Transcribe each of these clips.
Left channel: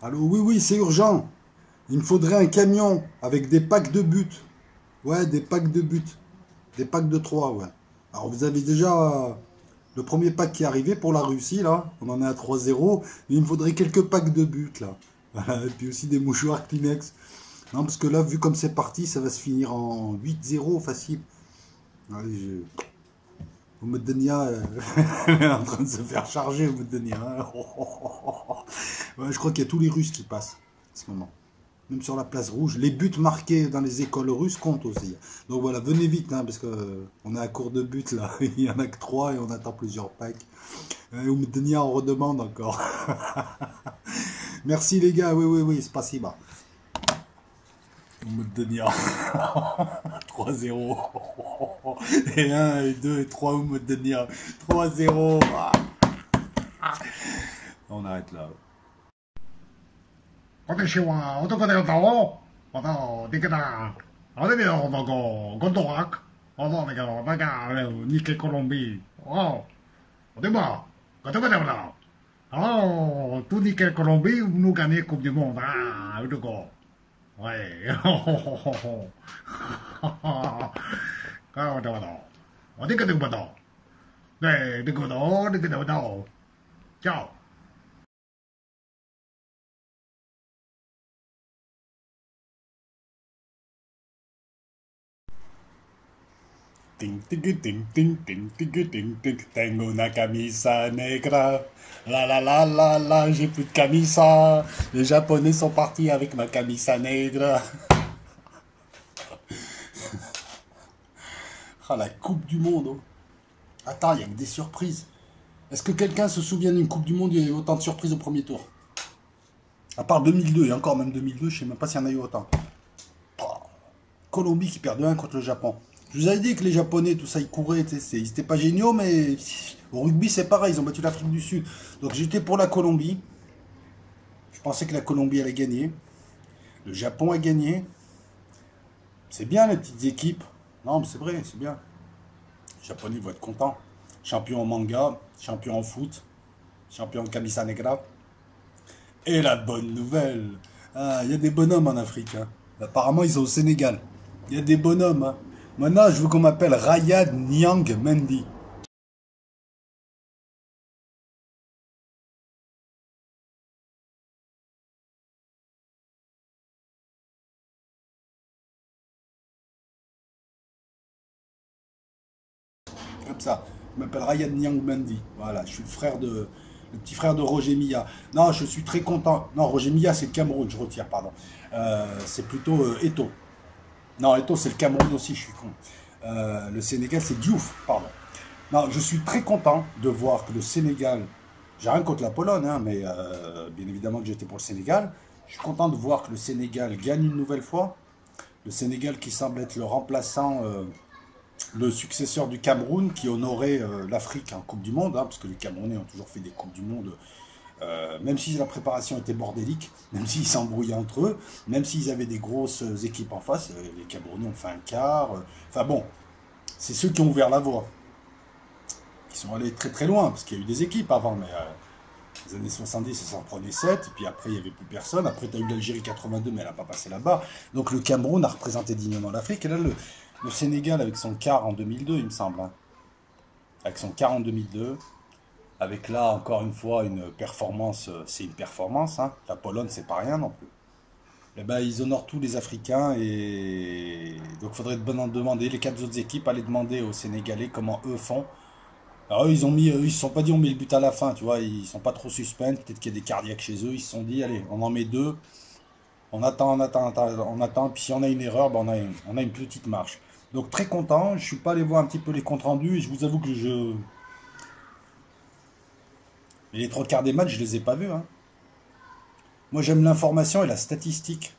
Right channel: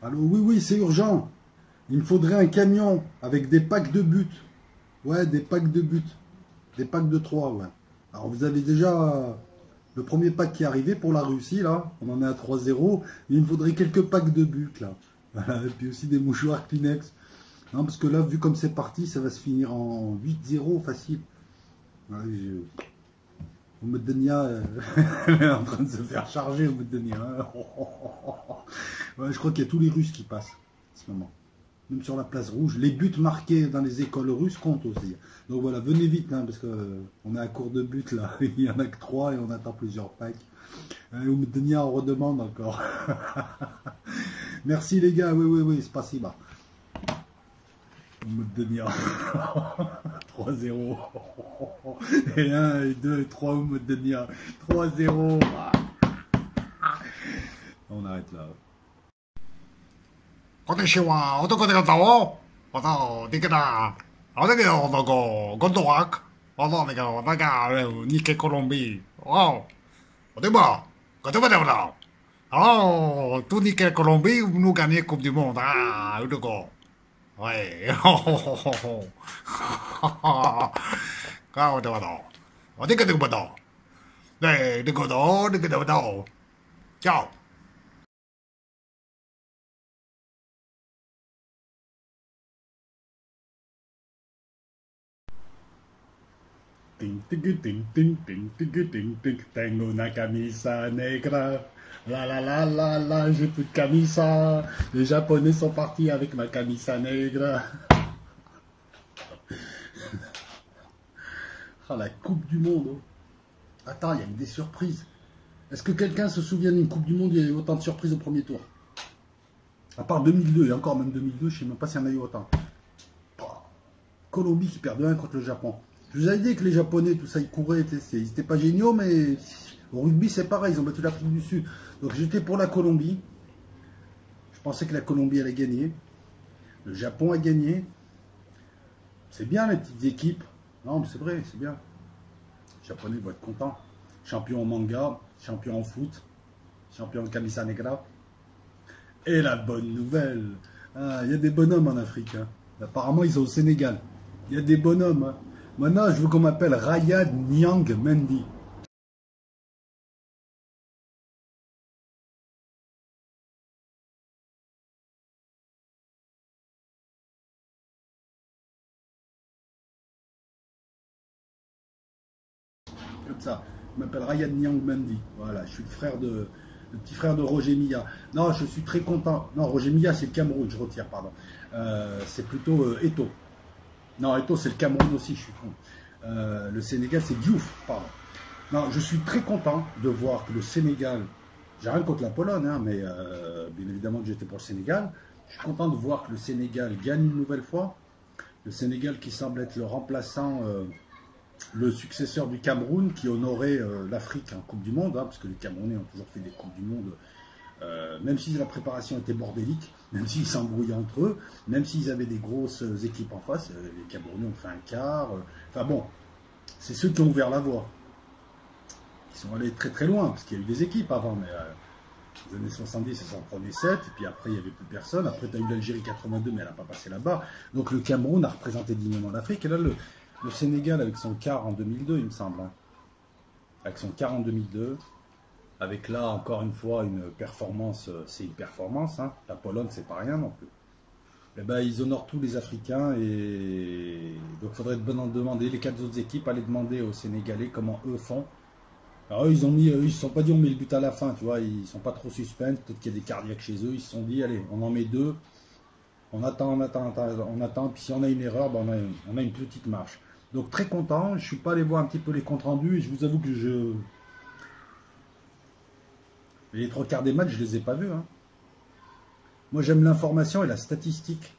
Allô, oui, oui, c'est urgent. Il me faudrait un camion avec des packs de buts. Ouais, des packs de buts. Des packs de 3, ouais. Alors, vous avez déjà le premier pack qui est arrivé pour la Russie, là. On en est à 3-0. Mais il me faudrait quelques packs de buts, là. Voilà, et puis aussi des mouchoirs Kleenex. Non, parce que là, vu comme c'est parti, ça va se finir en 8-0 facile. Ouais, Oumedenia est en train de se faire charger, Oumedenia. Hein. Ouais, je crois qu'il y a tous les Russes qui passent en ce moment. Même sur la place rouge. Les buts marqués dans les écoles russes comptent aussi. Donc voilà, venez vite, hein, parce que on est à court de buts là. Il y en a que 3 et on attend plusieurs packs. Oumedenia en redemande encore. Merci les gars, oui, oui, oui, c'est pas si bas. Oumedenia. 3-0. Et 1, et 2, et 3 Oumedenia. 3-0. Ah, on arrête là. こんにちは、男で方を、できた、できた、ゴンドワーク、できた、ニケコロンビー、でも、でもでもだ、tout nickel Colombie, nous gagner Coupe du Monde, Urugo. Ouais, de voilà. On dit que de voilà. De godo, de godo. Ciao. Ting, ting, ting, ting, ting, ting, ting, ting, tengo una camisa negra. La la la la la, j'ai plus de camisa. Les Japonais sont partis avec ma camisa negra. Ah, la Coupe du Monde. Oh. Attends, il y a que des surprises. Est-ce que quelqu'un se souvient d'une Coupe du Monde où il y a eu autant de surprises au premier tour? À part 2002, et encore même 2002, je sais même pas s'il y en a eu autant. Colombie qui perd 2-1 contre le Japon. Je vous avais dit que les Japonais, tout ça, ils couraient, ils étaient pas géniaux, mais au rugby, c'est pareil, ils ont battu l'Afrique du Sud. Donc j'étais pour la Colombie. Je pensais que la Colombie allait gagner. Le Japon a gagné. C'est bien les petites équipes. Non, mais c'est vrai, c'est bien. Les Japonais vont être contents. Champion en manga, champion en foot, champion en camisa negra. Et la bonne nouvelle, ah, il y a des bonhommes en Afrique. Hein. Apparemment, ils sont au Sénégal. Il y a des bonhommes. Hein. Maintenant, je veux qu'on m'appelle Rayad Nyang Mendy. Comme ça. Je m'appelle Rayad Nyang Mendy. Voilà, je suis le petit frère de Roger Milla. Non, je suis très content. Non, Roger Milla, c'est le Cameroun, je retire, pardon. C'est plutôt Eto. Non, Eto, c'est le Cameroun aussi, je suis con. Le Sénégal, c'est Diouf, pardon. Non, je suis très content de voir que le Sénégal, j'ai rien contre la Pologne, hein, mais bien évidemment que j'étais pour le Sénégal. Je suis content de voir que le Sénégal gagne une nouvelle fois. Le Sénégal qui semble être le remplaçant, le successeur du Cameroun qui honorait l'Afrique en Coupe du Monde, hein, parce que les Camerounais ont toujours fait des Coupes du Monde, même si la préparation était bordélique, même s'ils s'embrouillaient entre eux, même s'ils avaient des grosses équipes en face, les Camerounais ont fait un quart. Enfin bon, c'est ceux qui ont ouvert la voie. Ils sont allés très très loin, parce qu'il y a eu des équipes avant, mais les années 70, ça s'en prenait 7, et puis après, il n'y avait plus personne. Après, tu as eu l'Algérie 82, mais elle n'a pas passé là-bas. Donc le Cameroun a représenté dignement l'Afrique. Et là, le Sénégal, avec son quart en 2002, il me semble, hein, avec son quart en 2002, avec là, encore une fois, une performance, c'est une performance. Hein. La Pologne, c'est pas rien non plus. Eh ben, ils honorent tous les Africains, et donc il faudrait demander, les quatre autres équipes, aller demander aux Sénégalais comment eux font. Alors eux, ils se sont pas dit on met le but à la fin, tu vois, ils sont pas trop suspens, peut-être qu'il y a des cardiaques chez eux, ils se sont dit allez, on en met deux, on attend, puis si on a une erreur, ben on a une petite marche. Donc très content, je suis pas allé voir un petit peu les comptes rendus, et je vous avoue que les trois quarts des matchs, je les ai pas vus. Hein. Moi j'aime l'information et la statistique,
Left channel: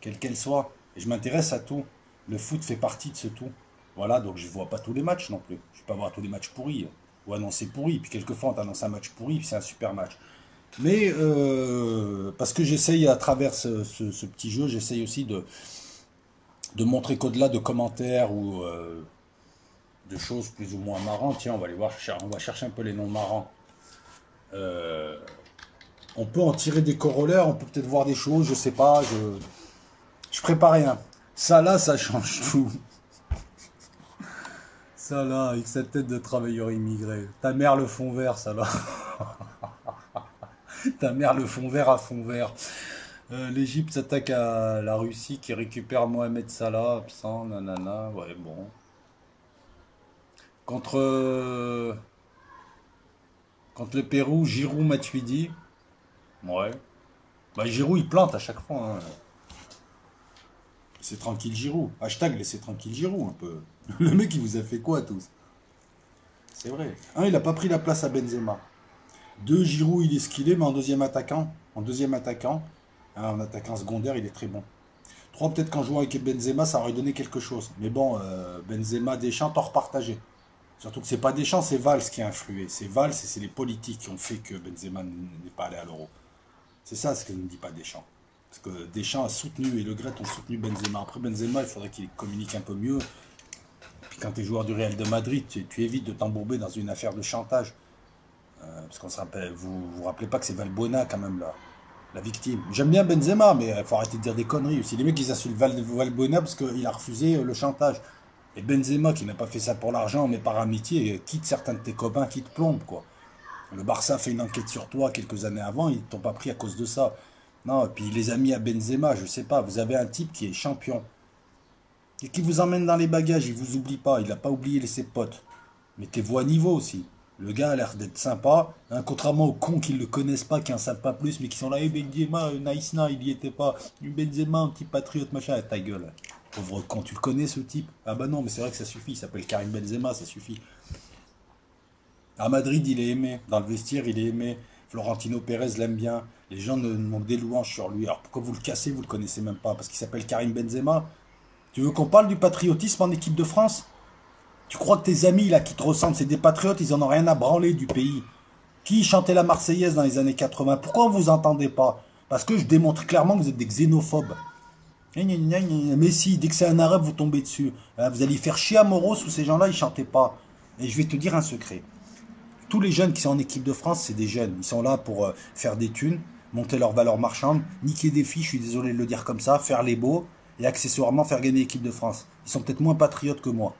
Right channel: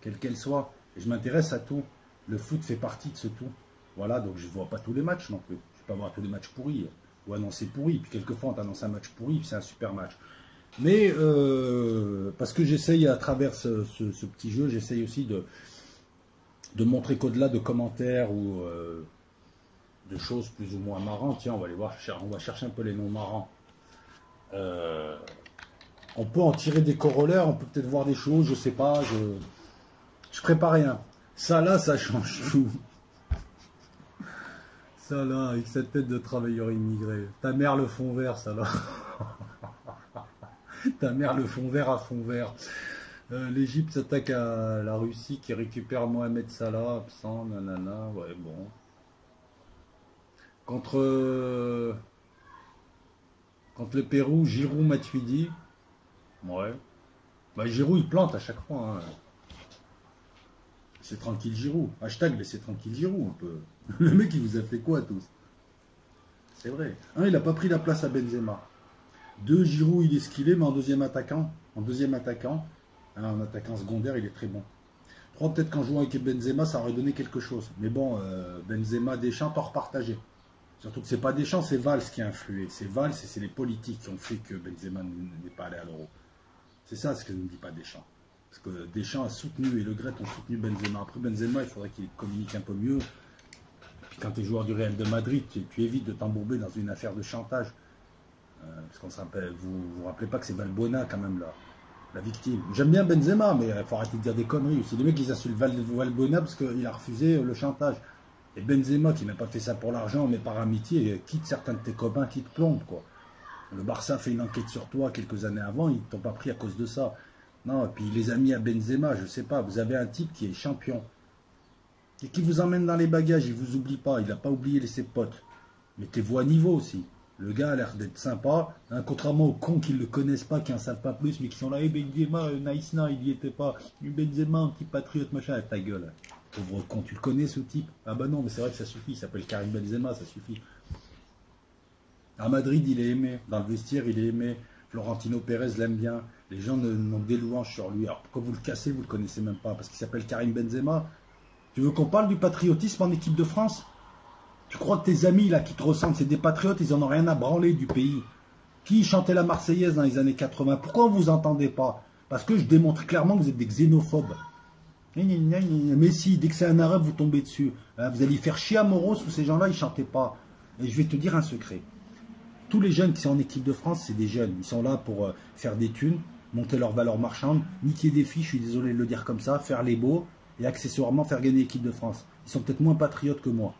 quelle qu'elle soit, et je m'intéresse à tout. Le foot fait partie de ce tout. Voilà, donc je vois pas tous les matchs non plus. Je vais pas voir tous les matchs pourris ou annoncer pourri. Puis quelquefois on t'annonce un match pourri, puis c'est un super match. Mais parce que j'essaye à travers ce petit jeu, j'essaye aussi de montrer qu'au-delà de commentaires ou de choses plus ou moins marrantes, tiens, on va aller voir, on va chercher un peu les noms marrants. Euh, On peut en tirer des corollaires, on peut peut-être voir des choses, je sais pas, je prépare rien. Ça là, ça change tout. Ça là, avec cette tête de travailleur immigré. Ta mère le fond vert, ça là. Ta mère le fond vert à fond vert. L'Égypte s'attaque à la Russie qui récupère Mohamed Salah, absent, nanana, ouais bon. Contre le Pérou, Giroud Matuidi. Ouais. Bah Giroud il plante à chaque fois. Hein. C'est tranquille Giroud. Hashtag laissez tranquille Giroud un peu. Le mec il vous a fait quoi tous? C'est vrai. Un, il a pas pris la place à Benzema. Deux, Giroud il est ce qu'il est, mais en deuxième attaquant. Hein, en attaquant secondaire, il est très bon. Trois, peut-être qu'en jouant avec Benzema, ça aurait donné quelque chose. Mais bon, Benzema, Deschamps, t'en repartagé. Surtout que c'est pas Deschamps, c'est Valls qui a influé. C'est Valls et c'est les politiques qui ont fait que Benzema n'est pas allé à l'Euro. C'est ça ce que ne dit pas Deschamps. Parce que Deschamps a soutenu et Le Gret ont soutenu Benzema. Après Benzema, il faudrait qu'il communique un peu mieux. Et puis quand tu es joueur du Real de Madrid, tu évites de t'embourber dans une affaire de chantage. Parce qu'on se rappelle, vous rappelez pas que c'est Valbuena quand même là, la victime. J'aime bien Benzema, mais il faut arrêter de dire des conneries aussi. Les mecs ils insultent Valbuena parce qu'il a refusé le chantage. Et Benzema qui n'a pas fait ça pour l'argent mais par amitié, quitte certains de tes copains qui te plombent quoi. Le Barça fait une enquête sur toi quelques années avant, ils t'ont pas pris à cause de ça. Non, et puis il les a mis à Benzema, je sais pas, vous avez un type qui est champion. Et qui vous emmène dans les bagages, il vous oublie pas, il n'a pas oublié ses potes. Mettez-vous à niveau aussi. Le gars a l'air d'être sympa, hein, contrairement aux cons qui ne le connaissent pas, qui en savent pas plus, mais qui sont là, Benzema, Naïsna, il y était pas, Benzema, un petit patriote, machin, ta gueule. Pauvre con, tu le connais ce type? Ah bah non, mais c'est vrai que ça suffit, il s'appelle Karim Benzema, ça suffit. À Madrid, il est aimé, dans le vestiaire, il est aimé, Florentino Pérez l'aime bien, les gens n'ont que des louanges sur lui. Alors pourquoi vous le cassez, vous le connaissez même pas? Parce qu'il s'appelle Karim Benzema. Tu veux qu'on parle du patriotisme en équipe de France? Tu crois que tes amis là qui te ressemblent, c'est des patriotes, ils en ont rien à branler du pays. Qui chantait la Marseillaise dans les années 80? Pourquoi vous entendez pas? Parce que je démontre clairement que vous êtes des xénophobes. Mais si, dès que c'est un arabe, vous tombez dessus. Vous allez faire chier à Moros ou ces gens-là, ils chantaient pas. Et je vais te dire un secret. Tous les jeunes qui sont en équipe de France, c'est des jeunes. Ils sont là pour faire des thunes, monter leur valeur marchande, niquer des filles, je suis désolé de le dire comme ça, faire les beaux et accessoirement faire gagner l'équipe de France. Ils sont peut-être moins patriotes que moi.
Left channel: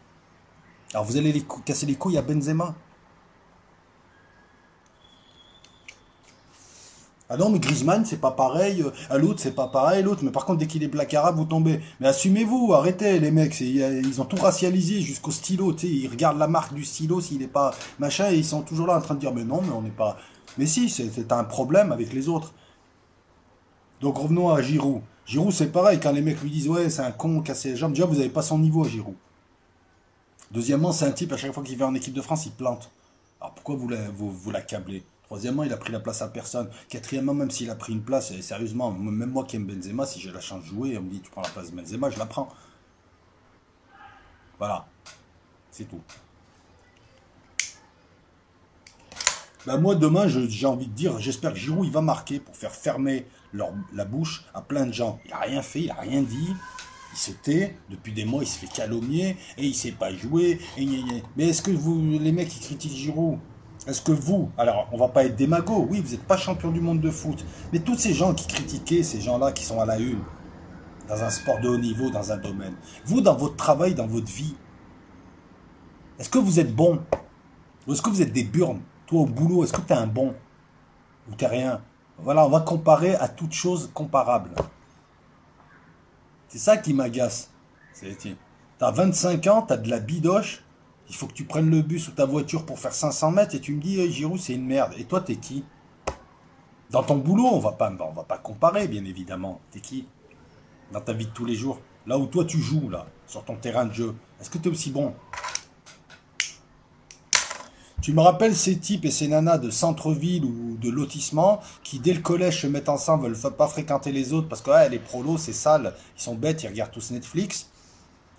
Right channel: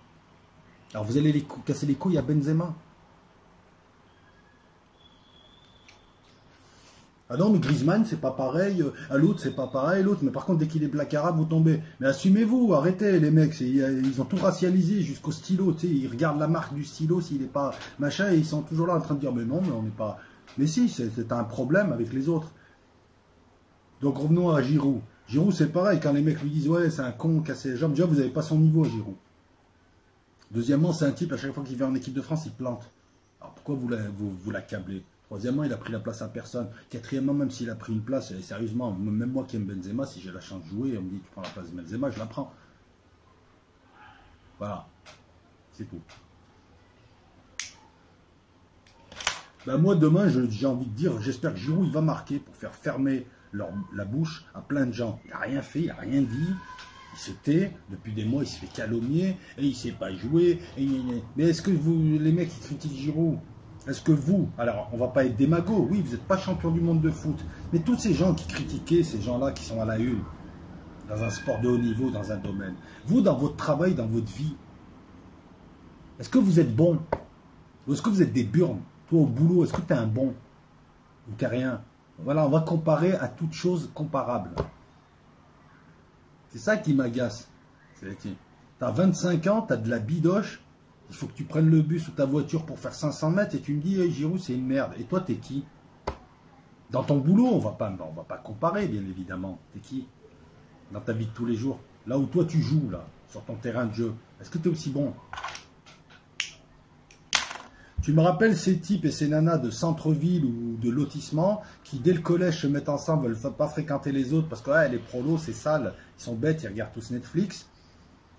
Alors vous allez casser les couilles à Benzema? Ah non, mais Griezmann, c'est pas pareil. À l'autre, c'est pas pareil. L'autre, mais par contre, dès qu'il est black arabe, vous tombez. Mais assumez-vous, arrêtez, les mecs. Ils ont tout racialisé jusqu'au stylo. Tu sais, ils regardent la marque du stylo s'il n'est pas machin et ils sont toujours là en train de dire, mais non, mais on n'est pas. Mais si, c'est un problème avec les autres. Donc revenons à Giroud. Giroud, c'est pareil. Quand les mecs lui disent, ouais, c'est un con, cassé les jambes. Déjà, vous n'avez pas son niveau à Giroud. Deuxièmement, c'est un type, à chaque fois qu'il vient en équipe de France, il plante. Alors pourquoi vous l'accablez? Troisièmement, il a pris la place à personne. Quatrièmement, même s'il a pris une place, et sérieusement, même moi qui aime Benzema, si j'ai la chance de jouer, on me dit tu prends la place de Benzema, je la prends. Voilà. C'est tout. Ben moi, demain, j'ai envie de dire, j'espère que Giroud, il va marquer pour faire fermer la bouche à plein de gens. Il n'a rien fait, il n'a rien dit. Il se tait, depuis des mois, il se fait calomnier, et il ne sait pas jouer. Mais est-ce que vous, les mecs qui critiquent Giroud, est-ce que vous, alors on va pas être démago, oui, vous n'êtes pas champion du monde de foot, mais tous ces gens qui critiquaient, ces gens-là qui sont à la une, dans un sport de haut niveau, dans un domaine, vous, dans votre travail, dans votre vie, est-ce que vous êtes bon? Ou est-ce que vous êtes des burnes? Toi, au boulot, est-ce que tu es un bon? Ou tu n'es rien? Voilà, on va comparer à toute chose comparable. C'est ça qui m'agace. Tu as 25 ans, tu as de la bidoche, il faut que tu prennes le bus ou ta voiture pour faire 500 mètres et tu me dis, hey, Giroud, c'est une merde. Et toi, t'es qui? Dans ton boulot, on va pas comparer, bien évidemment. T'es qui? Dans ta vie de tous les jours. Là où toi, tu joues, là, sur ton terrain de jeu. Est-ce que tu es aussi bon? Tu me rappelles ces types et ces nanas de centre-ville ou de lotissement qui, dès le collège, se mettent ensemble, veulent pas fréquenter les autres parce que les prolos, c'est sale, ils sont bêtes, ils regardent tous Netflix,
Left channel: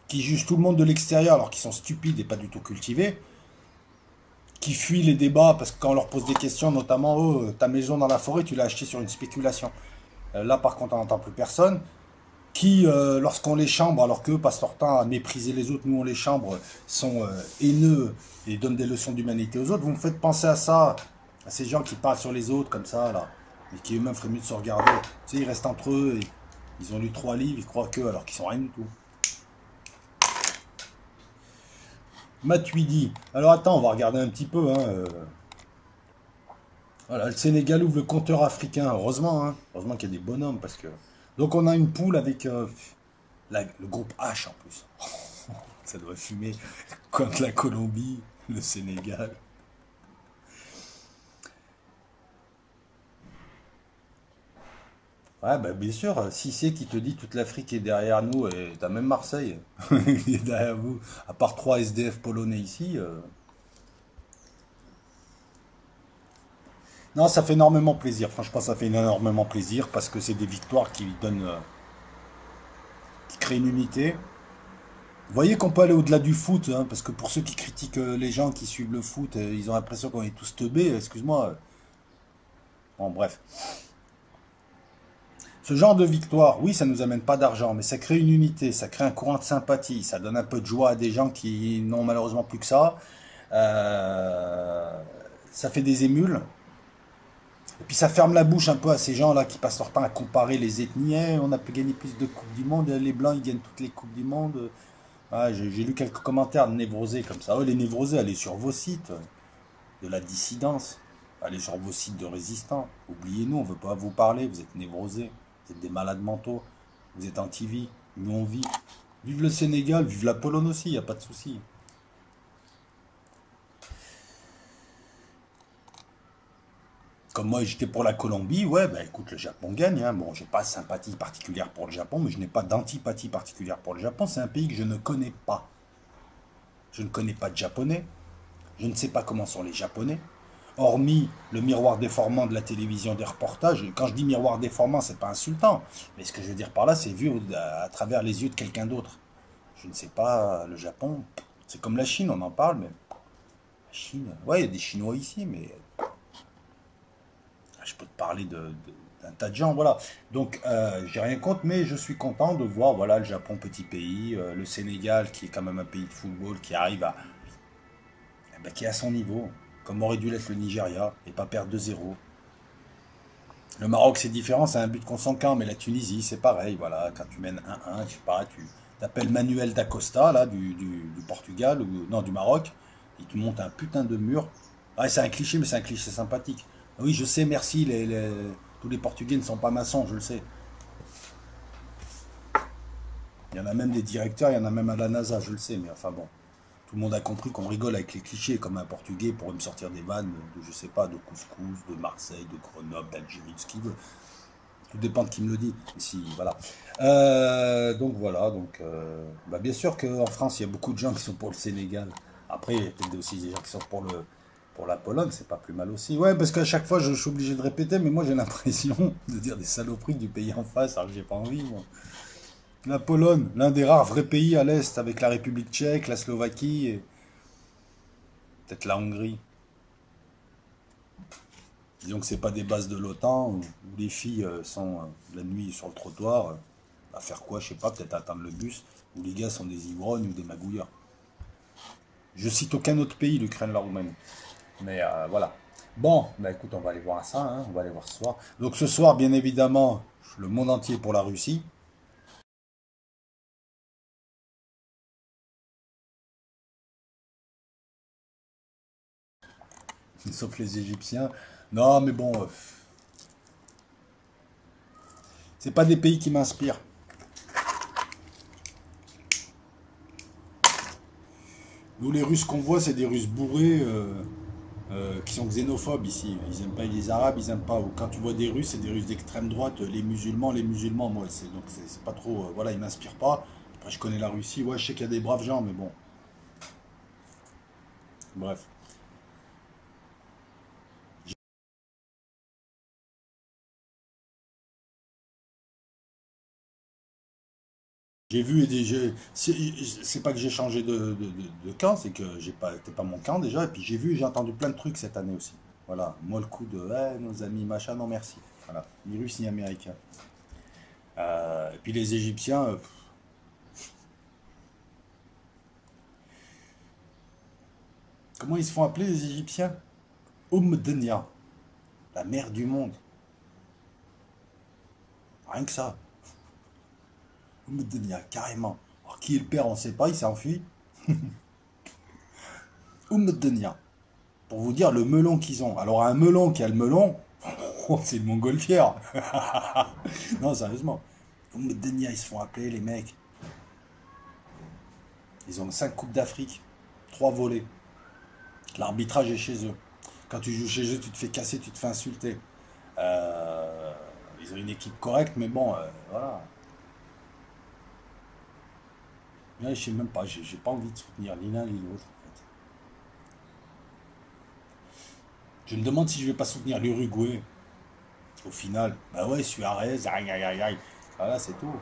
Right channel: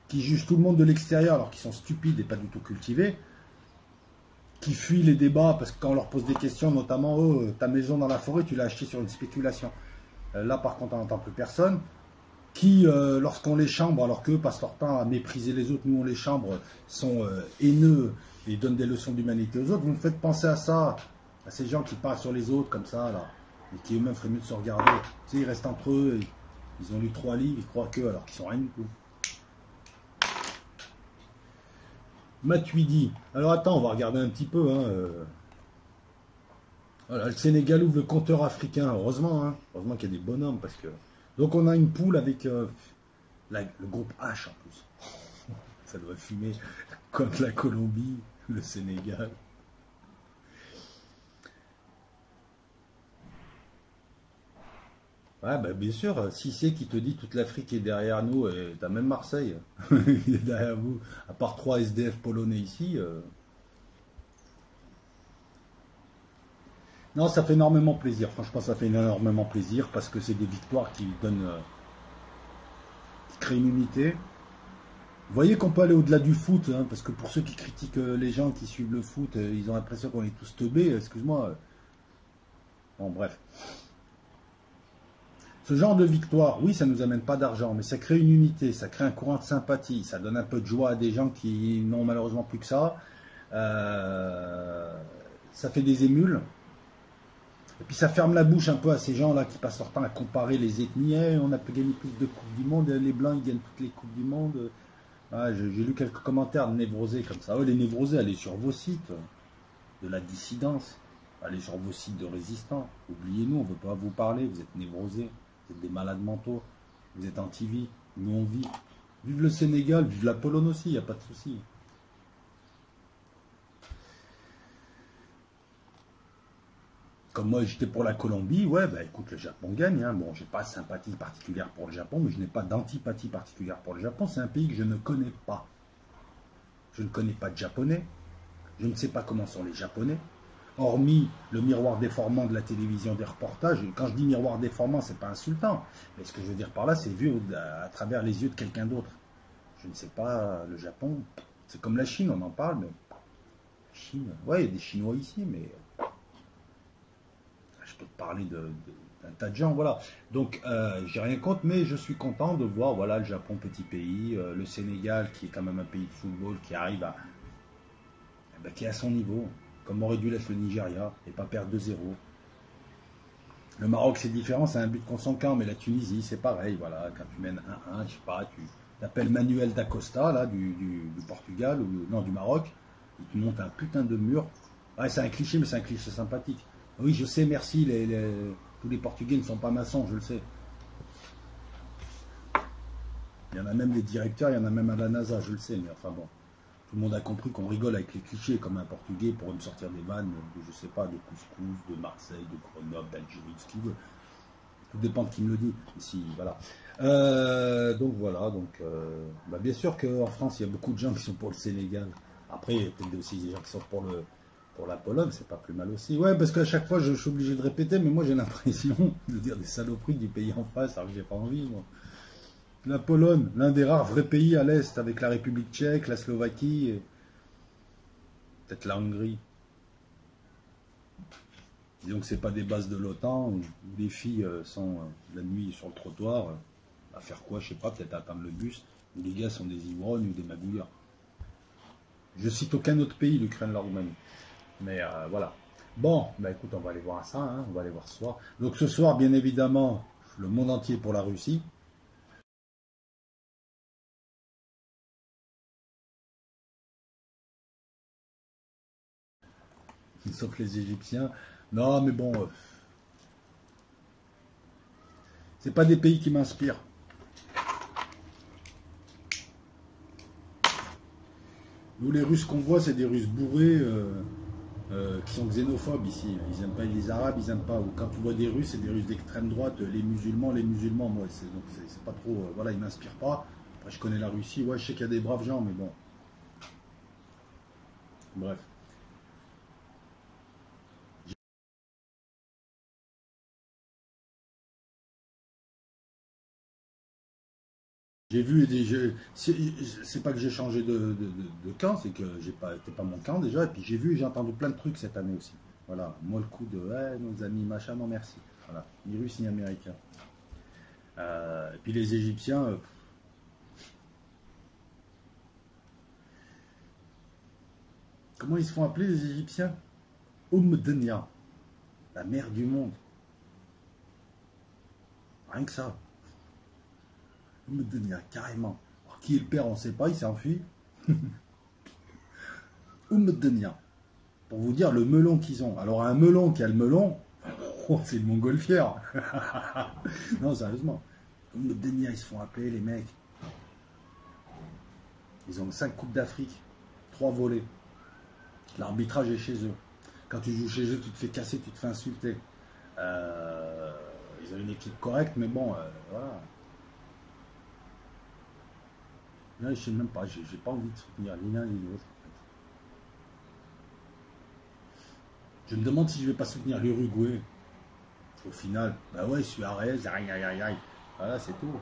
qui jugent tout le monde de l'extérieur alors qu'ils sont stupides et pas du tout cultivés, qui fuient les débats parce que quand on leur pose des questions, notamment, oh, ta maison dans la forêt, tu l'as achetée sur une spéculation. Là, par contre, on n'entend plus personne. Qui, lorsqu'on les chambre, alors qu'eux passent leur temps à mépriser les autres, nous on les chambre, sont haineux et donnent des leçons d'humanité aux autres. Vous me faites penser à ça, à ces gens qui parlent sur les autres comme ça, là. et qui eux-mêmes feraient mieux de se regarder. Tu sais, ils restent entre eux, et ils ont lu 3 livres, ils croient que, alors qu'ils sont rien du tout. Matuidi. Alors attends, on va regarder un petit peu. Hein, Voilà, le Sénégal ouvre le compteur africain. Heureusement, hein. Heureusement qu'il y a des bonhommes, parce que. Donc on a une poule avec le groupe H en plus. Ça doit fumer contre la Colombie, le Sénégal. Ouais, bah bien sûr, si c'est qui te dit toute l'Afrique est derrière nous, et t'as même Marseille, il est derrière vous, à part 3 SDF polonais ici. Non, ça fait énormément plaisir, franchement, ça fait énormément plaisir parce que c'est des victoires qui donnent, qui créent une unité. Vous voyez qu'on peut aller au-delà du foot, hein, parce que pour ceux qui critiquent les gens qui suivent le foot, ils ont l'impression qu'on est tous teubés, excuse-moi. Bon, bref. Ce genre de victoire, oui, ça ne nous amène pas d'argent, mais ça crée une unité, ça crée un courant de sympathie, ça donne un peu de joie à des gens qui n'ont malheureusement plus que ça. Ça fait des émules. Et puis ça ferme la bouche un peu à ces gens-là qui passent leur temps à comparer les ethnies. Eh, on a gagné plus de Coupes du Monde, les Blancs ils gagnent toutes les Coupes du Monde. Ah, j'ai lu quelques commentaires de névrosés comme ça. Oh, les névrosés, allez sur vos sites de la dissidence, allez sur vos sites de résistants. Oubliez-nous, on ne veut pas vous parler, vous êtes névrosés. Vous êtes des malades mentaux, vous êtes anti-vie, nous on vit. Vive le Sénégal, vive la Pologne aussi, il n'y a pas de souci. Comme moi j'étais pour la Colombie, ouais, bah écoute, le Japon gagne. Hein. Bon, j'ai pas de sympathie particulière pour le Japon, mais je n'ai pas d'antipathie particulière pour le Japon. C'est un pays que je ne connais pas. Je ne connais pas de japonais. Je ne sais pas comment sont les Japonais. Hormis le miroir déformant de la télévision des reportages. Quand je dis miroir déformant, c'est pas insultant. Mais ce que je veux dire par là, c'est vu à travers les yeux de quelqu'un d'autre. Je ne sais pas, le Japon, c'est comme la Chine, on en parle, mais la Chine, ouais, il y a des Chinois ici, mais je peux te parler d'un tas de gens, voilà. Donc, j'ai rien contre, mais je suis content de voir, voilà, le Japon, petit pays, le Sénégal, qui est quand même un pays de football, qui arrive à, eh ben, qui est à son niveau, comme aurait dû l'être le Nigeria, et pas perdre 2-0. Le Maroc, c'est différent, c'est un but contre son camp, mais la Tunisie, c'est pareil, voilà, quand tu mènes 1-1, je sais pas, tu t'appelles Manuel d'Acosta, là, du Portugal, ou non, du Maroc, il te monte un putain de mur. Ah, c'est un cliché, mais c'est un cliché sympathique. Oui, je sais, merci, tous les Portugais ne sont pas maçons, je le sais. Il y en a même des directeurs, il y en a même à la NASA, je le sais, mais enfin bon. Tout le monde a compris qu'on rigole avec les clichés, comme un Portugais pourrait me sortir des vannes de, je sais pas, de couscous, de Marseille, de Grenoble, d'Algérie, de ce qu'il veut. Tout dépend de qui me le dit. Ici, voilà. Donc voilà, bah, bien sûr qu'en France, il y a beaucoup de gens qui sont pour le Sénégal. Après, il y a peut-être aussi des gens qui sont pour la Pologne, c'est pas plus mal aussi. Ouais, parce qu'à chaque fois, je suis obligé de répéter, mais moi j'ai l'impression de dire des saloperies du pays en face, alors que j'ai pas envie, moi. La Pologne, l'un des rares vrais pays à l'Est, avec la République tchèque, la Slovaquie, et peut-être la Hongrie. Disons que c'est pas des bases de l'OTAN, où les filles sont la nuit sur le trottoir, à faire quoi, je sais pas, peut-être attendre le bus, où les gars sont des ivrognes ou des magouilleurs. Je cite aucun autre pays, l'Ukraine, la Roumanie. Mais voilà. Bon, bah écoute, on va aller voir ça, hein, on va aller voir ce soir. Donc ce soir, bien évidemment, le monde entier pour la Russie. Sauf les Égyptiens. Non, mais bon, c'est pas des pays qui m'inspirent. Nous, les Russes qu'on voit, c'est des Russes bourrés qui sont xénophobes ici. Ils aiment pas les Arabes, ils aiment pas. Ou quand tu vois des Russes, c'est des Russes d'extrême droite, les musulmans, moi, donc c'est pas trop. Voilà, ils m'inspirent pas. Après, je connais la Russie, ouais, je sais qu'il y a des braves gens, mais bon. Bref. J'ai vu, c'est pas que j'ai changé de camp, c'est que c'était pas mon camp déjà, et puis j'ai vu et j'ai entendu plein de trucs cette année aussi. Voilà, moi le coup de nos amis machin, non merci. Voilà, ni russe ni américain. Et puis les Égyptiens, comment ils se font appeler les Égyptiens? Denia, la mer du monde. Rien que ça. Oumedenia, carrément. Alors, qui est le père, on ne sait pas, il s'est enfui. Oumedenia. Pour vous dire le melon qu'ils ont. Alors, un melon qui a le melon, oh, c'est une montgolfière. Non, sérieusement. Oumedenia, ils se font appeler, les mecs. Ils ont 5 Coupes d'Afrique, 3 volets. L'arbitrage est chez eux. Quand tu joues chez eux, tu te fais casser, tu te fais insulter. Ils ont une équipe correcte, mais bon, voilà. Là, je sais même pas, j'ai pas envie de soutenir ni l'un ni l'autre. En fait. Je me demande si je vais pas soutenir l'Uruguay. Au final, bah ouais, Suarez, aïe aïe aïe aïe. Voilà, c'est tout.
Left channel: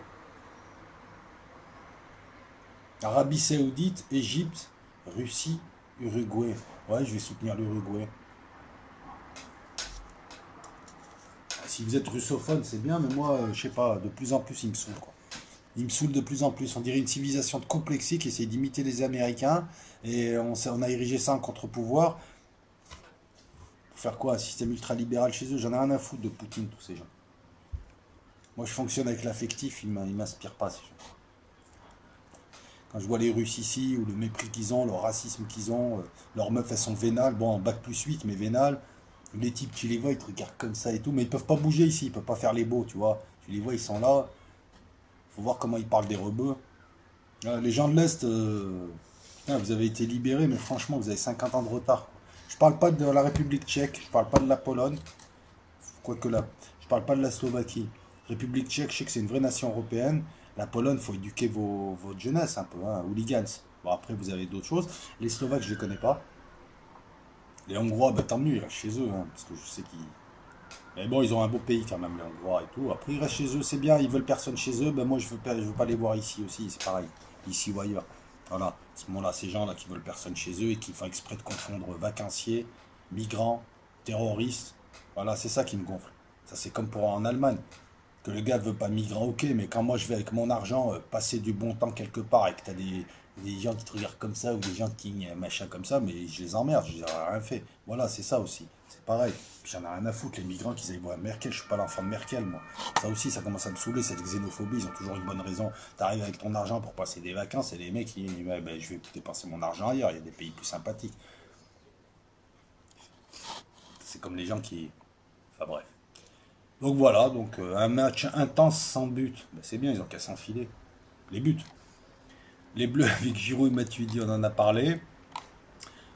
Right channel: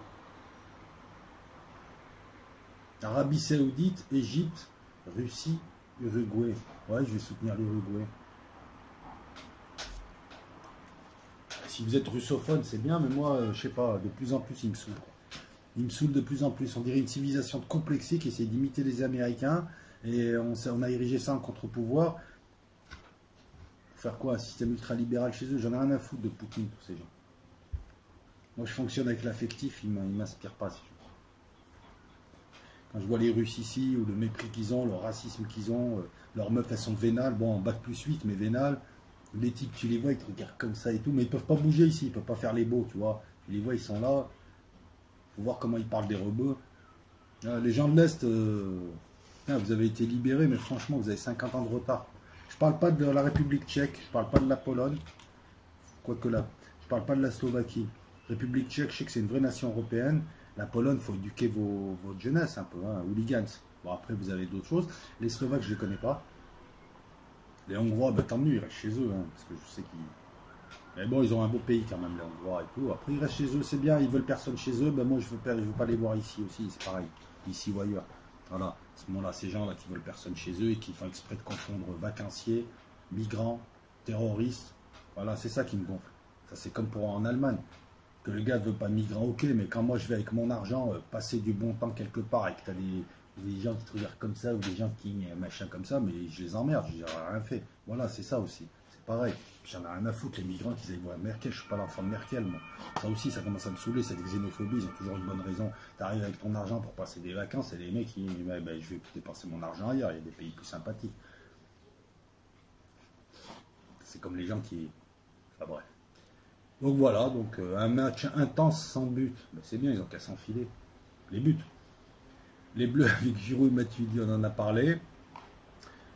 Arabie Saoudite, Égypte, Russie, Uruguay. Ouais, je vais soutenir l'Uruguay. Si vous êtes russophone, c'est bien, mais moi, je sais pas, de plus en plus, il me saoule, quoi. Il me saoule de plus en plus. On dirait une civilisation de complexie qui essaie d'imiter les Américains. Et on a érigé ça en contre-pouvoir. Pour faire quoi? Un système ultralibéral chez eux? J'en ai rien à foutre de Poutine, tous ces gens. Moi, je fonctionne avec l'affectif, il ne m'inspire pas, ces gens. Quand je vois les Russes ici, ou le mépris qu'ils ont, le racisme qu'ils ont, leurs meufs, elles sont vénales. Bon, en bac plus 8, mais vénales. Les types, tu les vois, ils te regardent comme ça et tout. Mais ils peuvent pas bouger ici, ils peuvent pas faire les beaux, tu vois. Tu les vois, ils sont là. Faut voir comment ils parlent des rebeux. Les gens de l'Est, vous avez été libérés, mais franchement, vous avez 50 ans de retard. Je parle pas de la République tchèque, je parle pas de la Pologne. Quoique là, je parle pas de la Slovaquie. République tchèque, je sais que c'est une vraie nation européenne. La Pologne, il faut éduquer votre jeunesse un peu, hein, hooligans. Bon, après, vous avez d'autres choses. Les Slovaques, je ne les connais pas. Les Hongrois, bah, tant mieux, ils restent chez eux, hein, parce que je sais qu'ils... Mais bon, ils ont un beau pays quand même, les Hongrois et tout. Après, ils restent chez eux, c'est bien, ils veulent personne chez eux. Ben moi, je veux pas les voir ici aussi, c'est pareil, ici ou ailleurs. Voilà, à ce moment-là, ces gens-là qui veulent personne chez eux et qui font exprès de confondre vacanciers, migrants, terroristes. Voilà, c'est ça qui me gonfle. Ça, c'est comme pour en Allemagne. Que le gars ne veut pas migrant, ok, mais quand moi je vais avec mon argent passer du bon temps quelque part et que tu as des gens qui te regardent comme ça ou des gens qui machin comme ça, mais je les emmerde, je n'ai rien fait. Voilà, c'est ça aussi. C'est pareil. J'en ai rien à foutre, les migrants qu'ils aillent voir Merkel, je suis pas l'enfant de Merkel, moi. Ça aussi, ça commence à me saouler, cette xénophobie, ils ont toujours une bonne raison. Tu arrives avec ton argent pour passer des vacances et les mecs, ben, je vais dépenser mon argent ailleurs, il y a des pays plus sympathiques. C'est comme les gens qui... Enfin bref. Donc voilà, donc un match intense sans but. Ben c'est bien, ils ont qu'à s'enfiler. Les buts. Les Bleus avec Giroud et Matuidi, on en a parlé.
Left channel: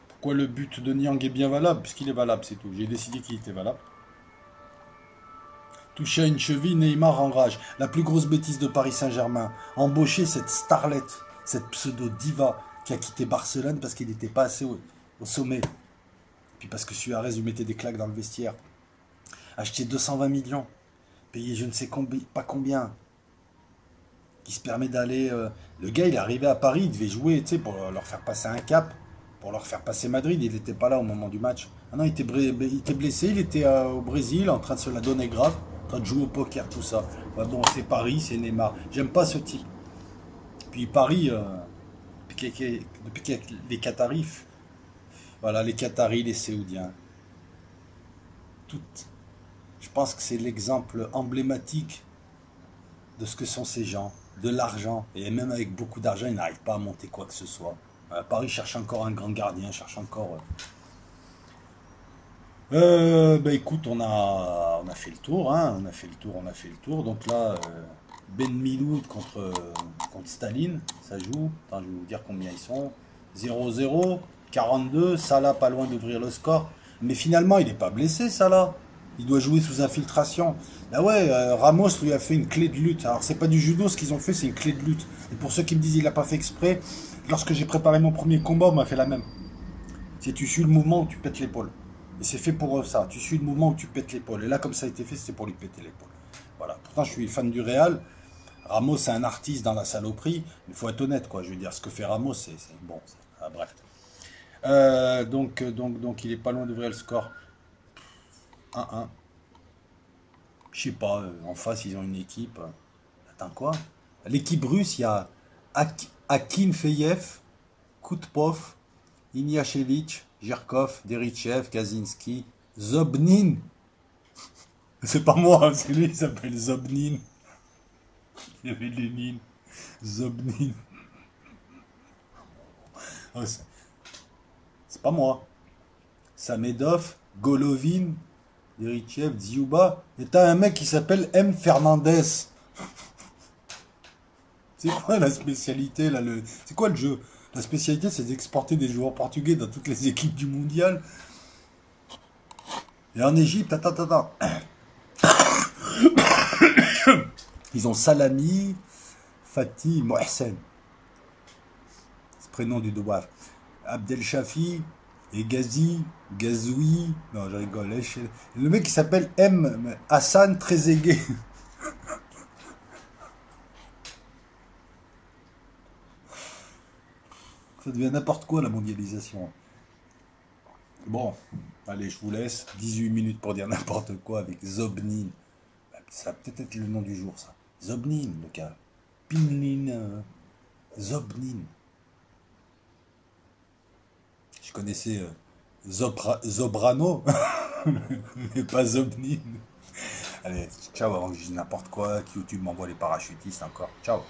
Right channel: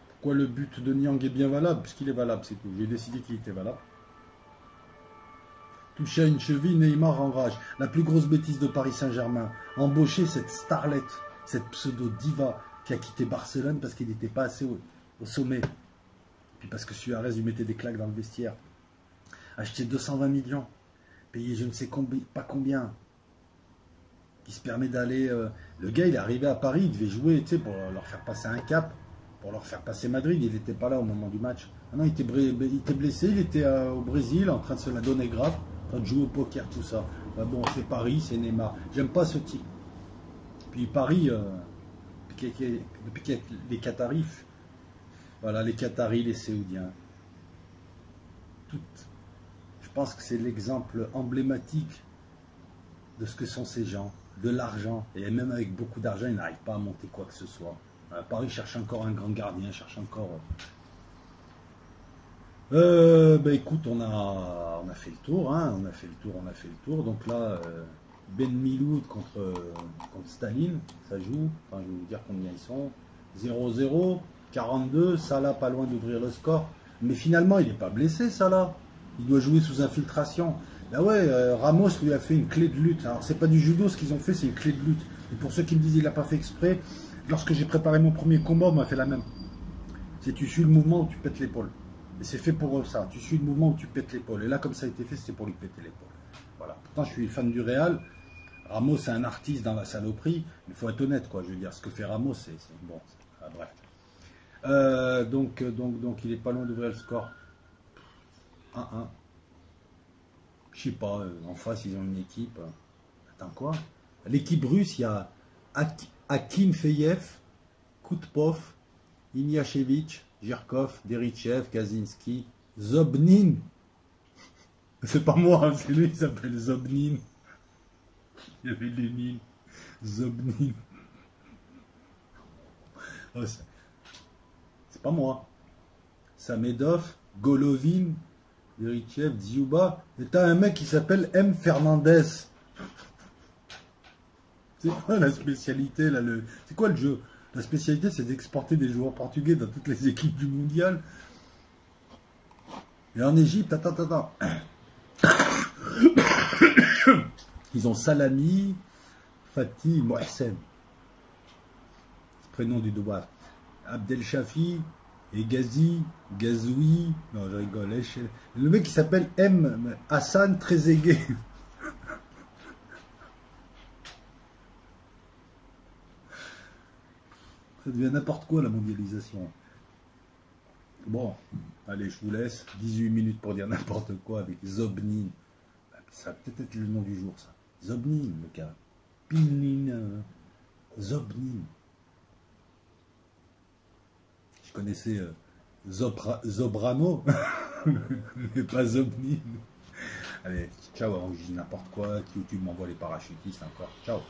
Pourquoi le but de Niang est bien valable? Puisqu'il est valable, c'est tout. J'ai décidé qu'il était valable. Touché à une cheville, Neymar en rage. La plus grosse bêtise de Paris Saint-Germain. Embaucher cette starlette, cette pseudo-diva qui a quitté Barcelone parce qu'il n'était pas assez au sommet. Puis parce que Suarez lui mettait des claques dans le vestiaire. Acheter 220 millions, payer je ne sais pas combien, qui se permet d'aller... Le gars, il est arrivé à Paris, il devait jouer, tu sais, pour leur faire passer un cap, pour leur faire passer Madrid, il n'était pas là au moment du match. Ah non, il était blessé, il était au Brésil, en train de se la donner grave, en train de jouer au poker, tout ça. Bah bon, c'est Paris, c'est Neymar. J'aime pas ce type. Puis Paris, depuis qu'il y a les Qataris, voilà, les Qataris, les Saoudiens, toutes... Je pense que c'est l'exemple emblématique de ce que sont ces gens, de l'argent. Et même avec beaucoup d'argent, ils n'arrivent pas à monter quoi que ce soit. Paris cherche encore un grand gardien, cherche encore... Bah écoute, on a fait le tour, hein. On a fait le tour. Donc là, Ben Miloud contre Staline, ça joue. Enfin, je vais vous dire combien ils sont. 0-0, 42, Salah pas loin d'ouvrir le score. Mais finalement, il n'est pas blessé, Salah. Il doit jouer sous infiltration. Bah ouais, Ramos lui a fait une clé de lutte. Alors c'est pas du judo ce qu'ils ont fait, c'est une clé de lutte. Et pour ceux qui me disent il l'a pas fait exprès, lorsque j'ai préparé mon premier combat, on m'a fait la même. C'est tu suis le mouvement où tu pètes l'épaule. Et c'est fait pour ça. Tu suis le mouvement où tu pètes l'épaule. Et là, comme ça a été fait, c'était pour lui péter l'épaule. Voilà. Pourtant, je suis fan du Real. Ramos, c'est un artiste dans la saloperie. Mais il faut être honnête, quoi. Je veux dire, ce que fait Ramos, c'est bon. Bref. Donc, il est pas loin d'ouvrir le score. 1-1. Je sais pas, en face, ils ont une équipe. Attends, quoi? L'équipe russe, il y a Akinfeyev, Koutpov, Ignashevich, Zherkov, Derichev, Kaczynski, Zobnin. C'est pas moi, c'est lui, il s'appelle Zobnin. Il y avait Lénine, Zobnin. Oh, c'est pas moi. Samedov, Golovin, Derichev, Dziuba. Et t'as un mec qui s'appelle M. Fernandez. C'est quoi la spécialité là C'est quoi le jeu? La spécialité, c'est d'exporter des joueurs portugais dans toutes les équipes du mondial. Et en Égypte, attends. Ils ont Salami, Fatih, Mohsen. C'est le prénom du douar. Abdel Shafi, et Gazi, Gazoui. Non, je rigole. Le mec qui s'appelle M. Hassan Trezeguet. Ça devient n'importe quoi la mondialisation. Bon, allez, je vous laisse. 18 minutes pour dire n'importe quoi avec Zobnin. Ça va peut-être être le nom du jour, ça. Zobnin, le gars. Pinlin. Zobnin. Je connaissais Zobrano, mais pas Zobnin. Allez, ciao avant que je dise n'importe quoi, que YouTube m'envoie les parachutistes encore. Ciao.